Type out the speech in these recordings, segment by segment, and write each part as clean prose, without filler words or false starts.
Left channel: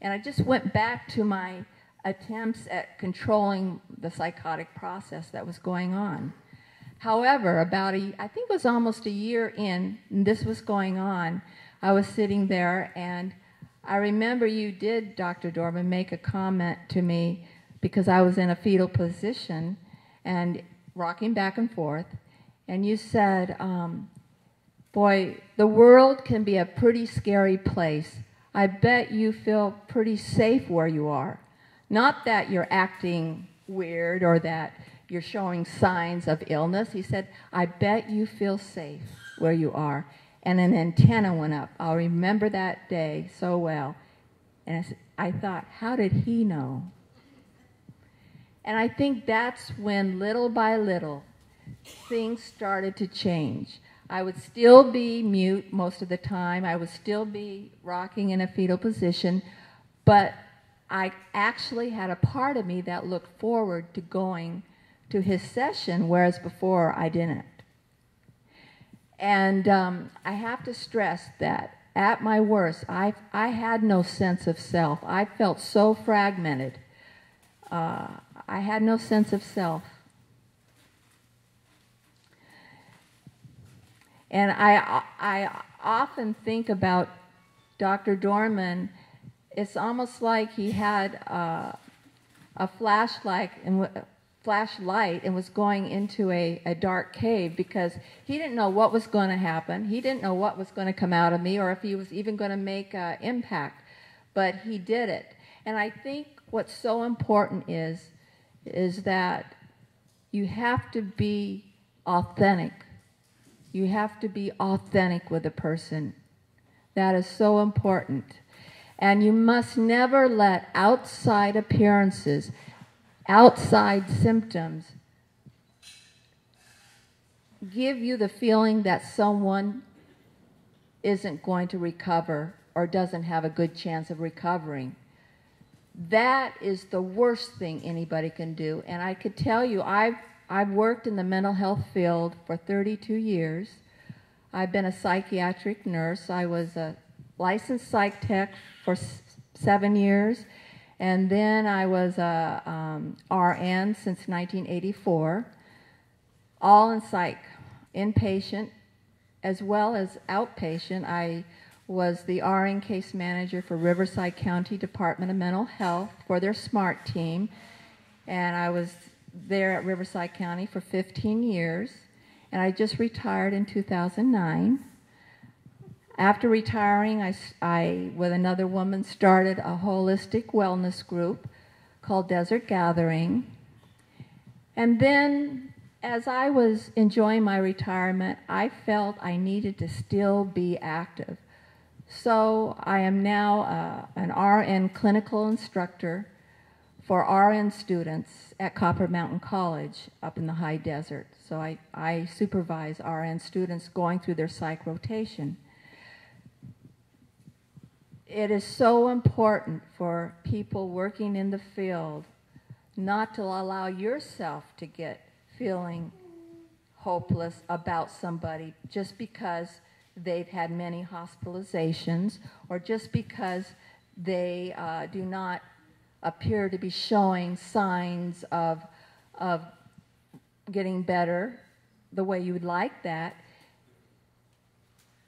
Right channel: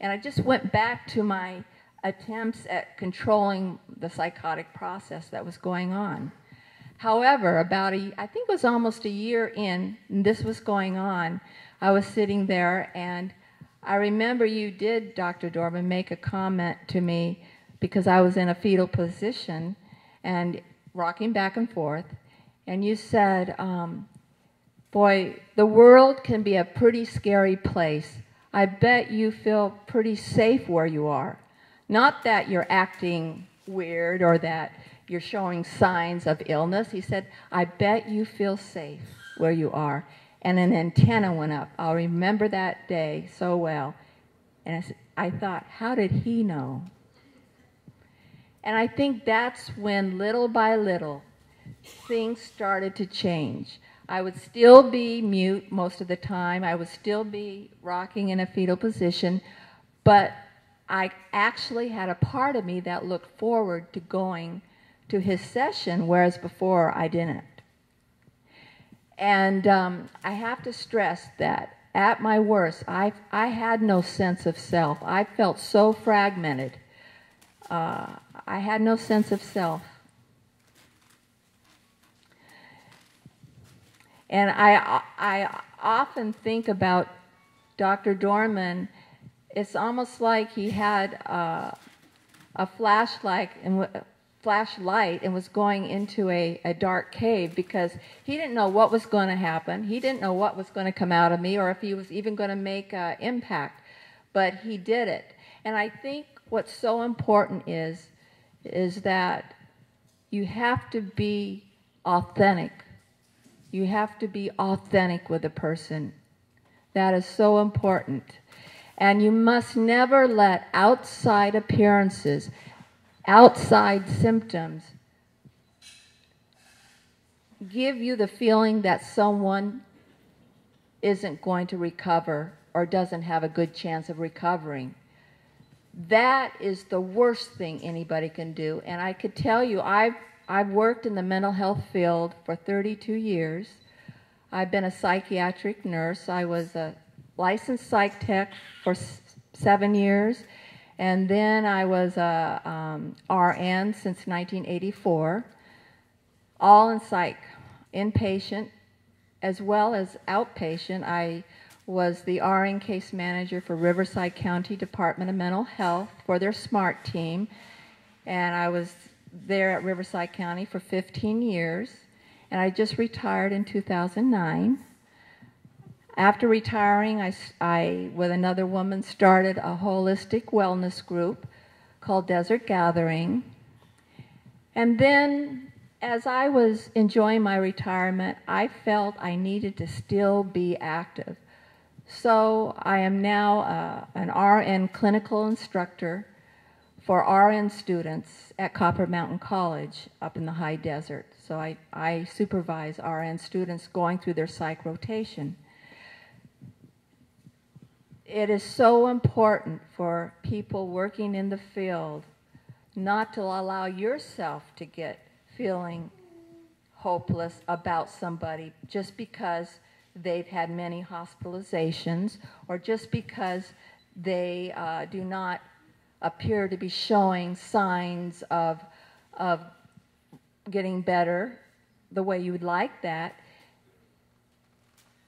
And I just went back to my attempts at controlling the psychotic process that was going on. However, I think it was almost a year in, and this was going on, I was sitting there, and I remember you did, Dr. Dorman, make a comment to me because I was in a fetal position and rocking back and forth, and you said, boy, the world can be a pretty scary place. I bet you feel pretty safe where you are. Not that you're acting weird or that you're showing signs of illness. He said, I bet you feel safe where you are. And an antenna went up. I'll remember that day so well. And I thought, how did he know? And I think that's when, little by little, things started to change. I would still be mute most of the time. I would still be rocking in a fetal position. But I actually had a part of me that looked forward to going to his session, whereas before I didn't. And I have to stress that at my worst, I had no sense of self. I felt so fragmented. I had no sense of self. And I often think about Dr. Dorman. It's almost like he had a flashlight and was going into a dark cave because he didn't know what was going to happen. He didn't know what was going to come out of me or if he was even going to make an impact, but he did it. And I think what's so important is that you have to be authentic. You have to be authentic with a person. That is so important. And you must never let outside appearances, outside symptoms, give you the feeling that someone isn't going to recover or doesn't have a good chance of recovering. That is the worst thing anybody can do. And I could tell you, I've worked in the mental health field for 32 years. I've been a psychiatric nurse. I was a licensed psych tech for 7 years. And then I was a RN since 1984, all in psych, inpatient as well as outpatient. I was the RN case manager for Riverside County Department of Mental Health for their SMART team, and I was there at Riverside County for 15 years, and I just retired in 2009. After retiring, I, with another woman, started a holistic wellness group called Desert Gathering. And then, as I was enjoying my retirement, I felt I needed to still be active. So I am now an RN clinical instructor for RN students at Copper Mountain College up in the high desert. So I supervise RN students going through their psych rotation. It is so important for people working in the field not to allow yourself to get feeling hopeless about somebody just because they've had many hospitalizations or just because they do not appear to be showing signs of getting better the way you would like that.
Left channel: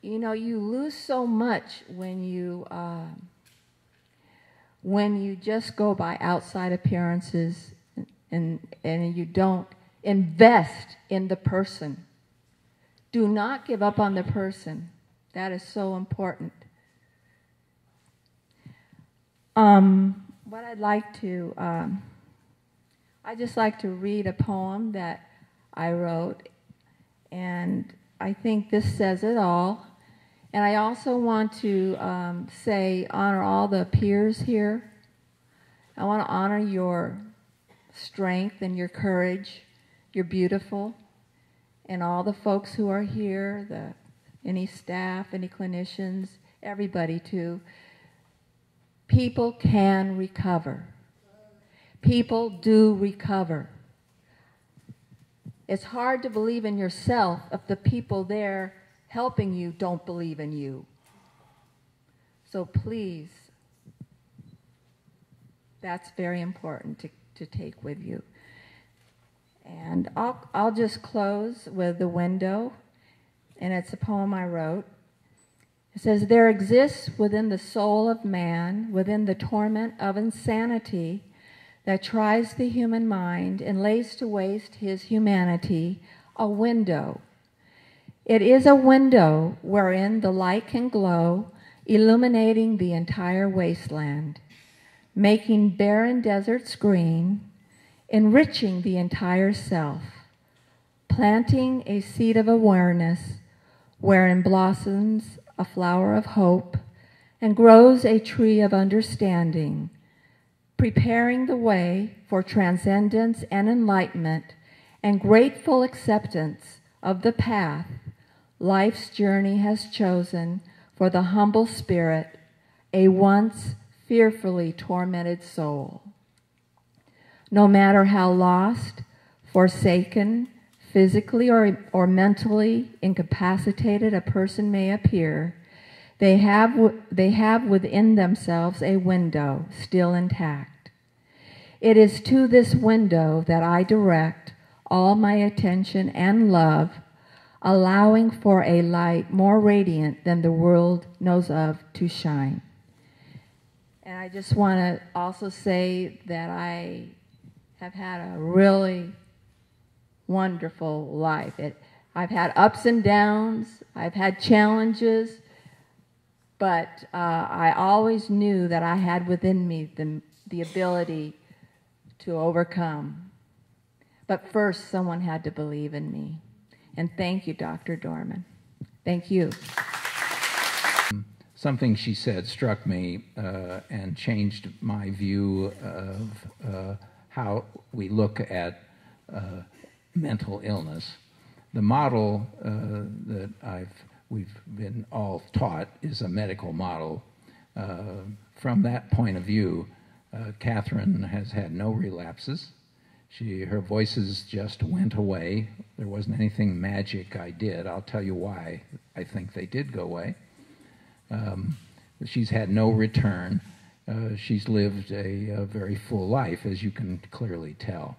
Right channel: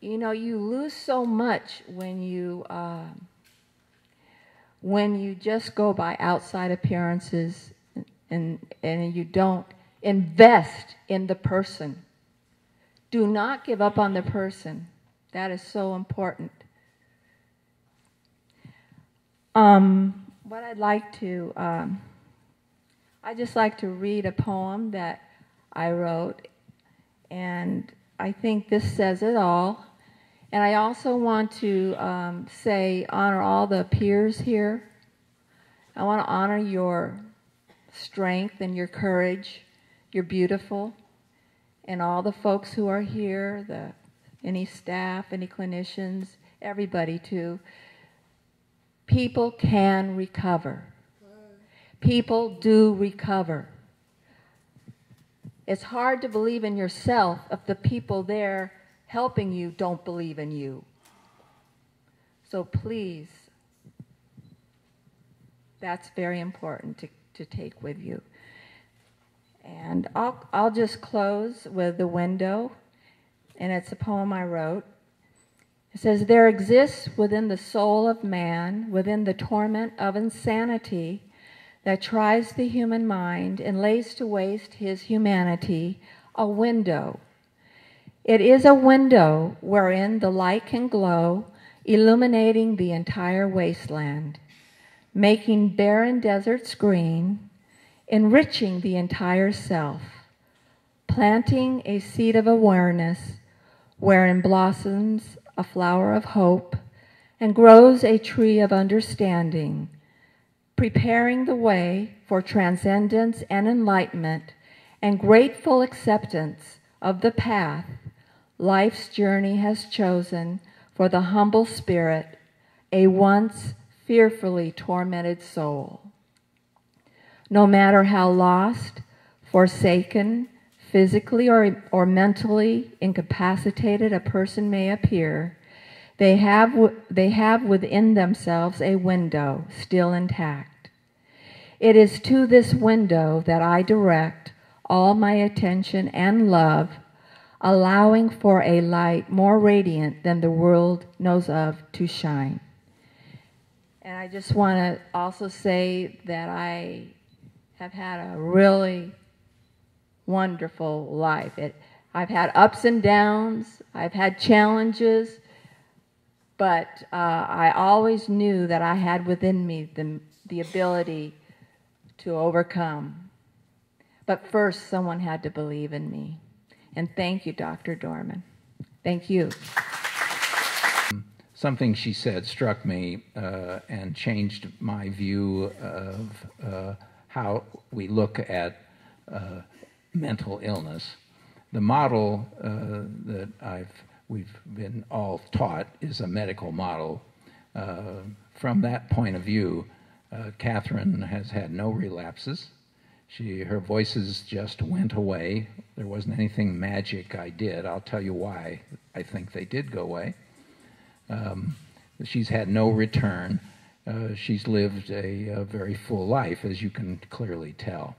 You know, you lose so much when you just go by outside appearances and you don't invest in the person. Do not give up on the person. That is so important. What I'd like to, I just like to read a poem that I wrote, and I think this says it all. And I also want to honor all the peers here. I want to honor your strength and your courage. You're beautiful. And all the folks who are here, any staff, any clinicians, everybody too. People can recover. People do recover. It's hard to believe in yourself if the people there helping you don't believe in you. So please, That's very important to take with you. And I'll just close with The Window, and it's a poem I wrote. It says, there exists within the soul of man, within the torment of insanity that tries the human mind and lays to waste his humanity, a window. It is a window wherein the light can glow, illuminating the entire wasteland, making barren deserts green, enriching the entire self, planting a seed of awareness wherein blossoms a flower of hope and grows a tree of understanding, preparing the way for transcendence and enlightenment and grateful acceptance of the path life's journey has chosen for the humble spirit, a once fearfully tormented soul. No matter how lost, forsaken, physically or mentally incapacitated a person may appear, they have within themselves a window still intact. It is to this window that I direct all my attention and love, allowing for a light more radiant than the world knows of to shine. And I just want to also say that I have had a really wonderful life. I've had ups and downs, I've had challenges, but I always knew that I had within me the ability to overcome. But first, someone had to believe in me. And thank you, Dr. Dorman. Thank you. Something she said struck me and changed my view of how we look at mental illness. The model that we've been all taught is a medical model. From that point of view, Catherine has had no relapses. Her voices just went away. There wasn't anything magic I did. I'll tell you why I think they did go away. She's had no return. She's lived a very full life, as you can clearly tell.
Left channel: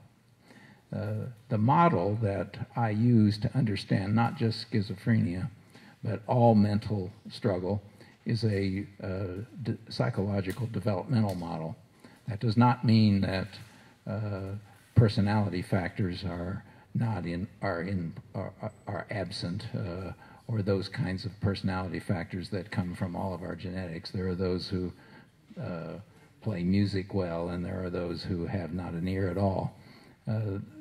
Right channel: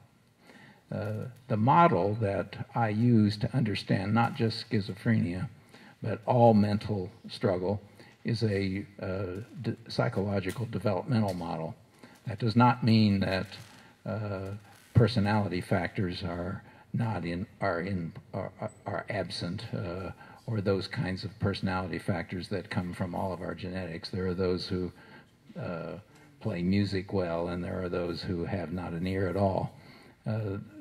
The model that I use to understand not just schizophrenia, but all mental struggle is a psychological developmental model. That does not mean that personality factors are absent, or those kinds of personality factors that come from all of our genetics. There are those who play music well, and there are those who have not an ear at all.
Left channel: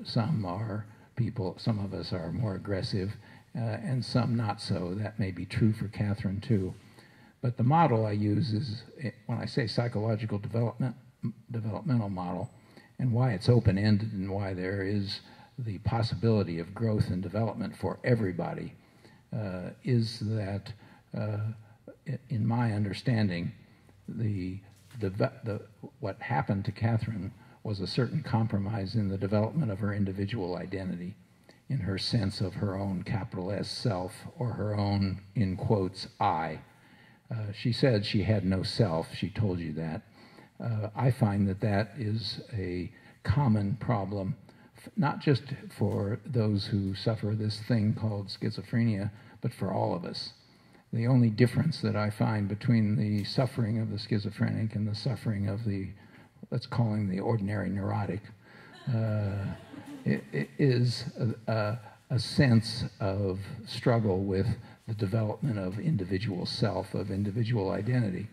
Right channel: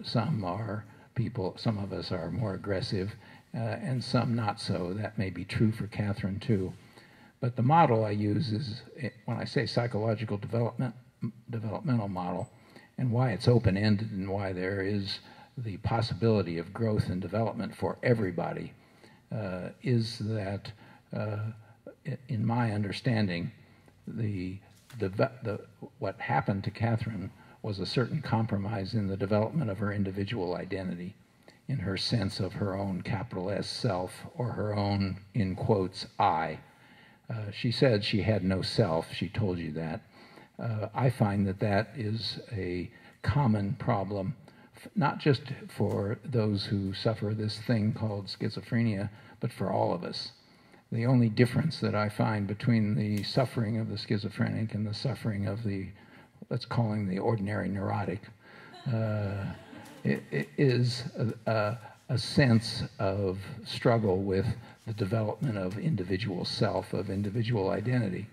Some of us are more aggressive, and some not so. That may be true for Catherine too. But the model I use is, when I say psychological developmental model, and why it's open-ended and why there is the possibility of growth and development for everybody, is that, in my understanding, what happened to Catherine was a certain compromise in the development of her individual identity, in her sense of her own capital S self, or her own, in quotes, I. She said she had no self. She told you that. I find that is a common problem, not just for those who suffer this thing called schizophrenia, but for all of us. The only difference that I find between the suffering of the schizophrenic and the suffering of the, let's call him the ordinary neurotic, it is a sense of struggle with the development of individual self, of individual identity.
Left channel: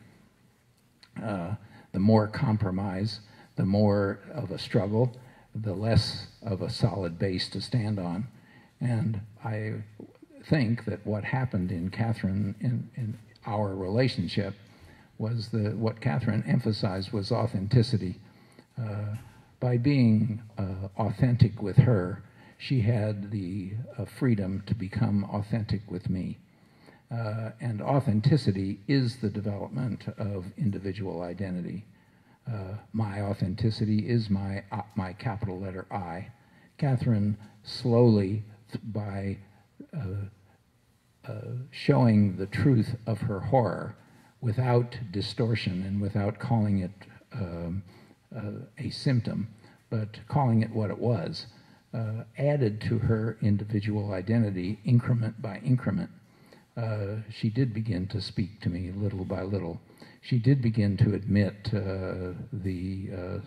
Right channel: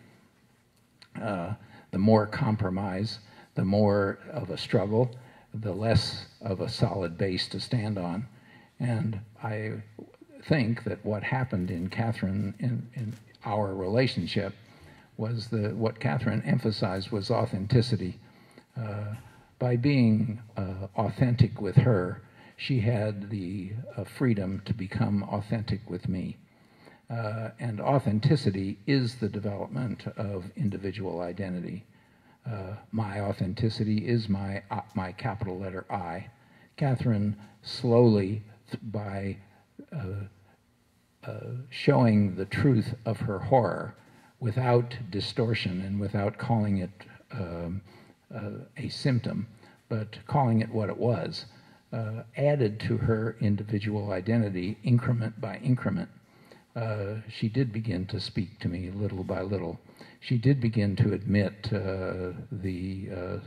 The more compromise, the more of a struggle, the less of a solid base to stand on. And I think that what happened in Catherine, in our relationship, was what Catherine emphasized was authenticity. By being authentic with her, she had the freedom to become authentic with me. And authenticity is the development of individual identity. My authenticity is my capital letter I. Catherine slowly, by showing the truth of her horror without distortion and without calling it a symptom, but calling it what it was, added to her individual identity increment by increment. She did begin to speak to me little by little. She did begin to admit the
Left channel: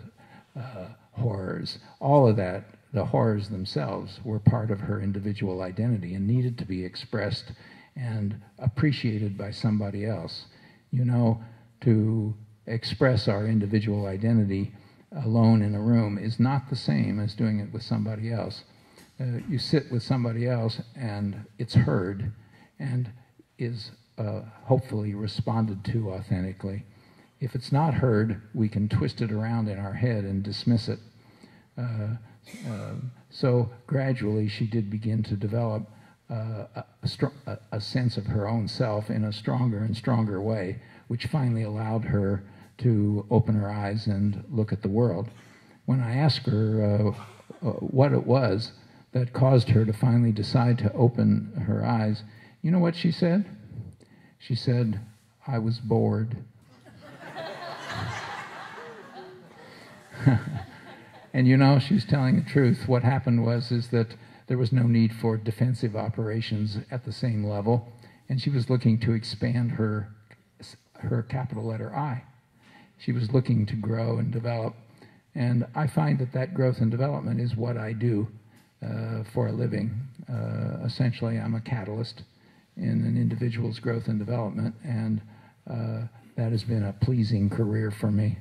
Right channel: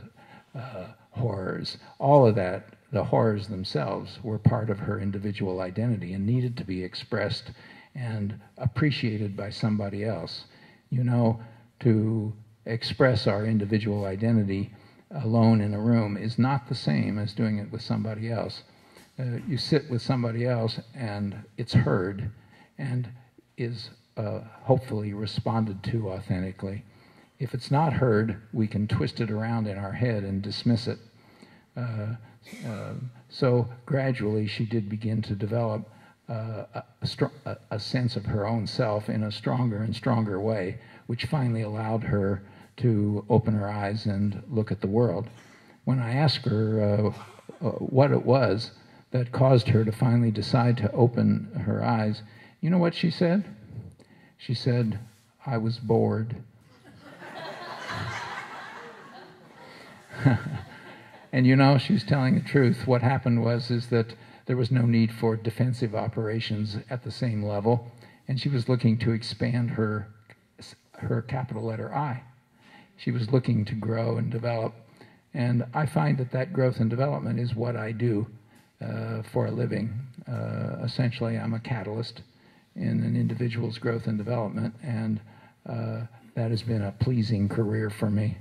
horrors. All of that, the horrors themselves, were part of her individual identity and needed to be expressed and appreciated by somebody else. You know, to express our individual identity alone in a room is not the same as doing it with somebody else. You sit with somebody else and it's heard and is hopefully responded to authentically. If it's not heard, we can twist it around in our head and dismiss it. So gradually she did begin to develop a sense of her own self in a stronger and stronger way, which finally allowed her to open her eyes and look at the world. When I asked her what it was that caused her to finally decide to open her eyes, you know what she said? She said, "I was bored." And you know, she's telling the truth. What happened is that there was no need for defensive operations at the same level, and she was looking to expand her capital letter I. She was looking to grow and develop, and I find that growth and development is what I do for a living. Essentially, I'm a catalyst in an individual's growth and development, and that has been a pleasing career for me.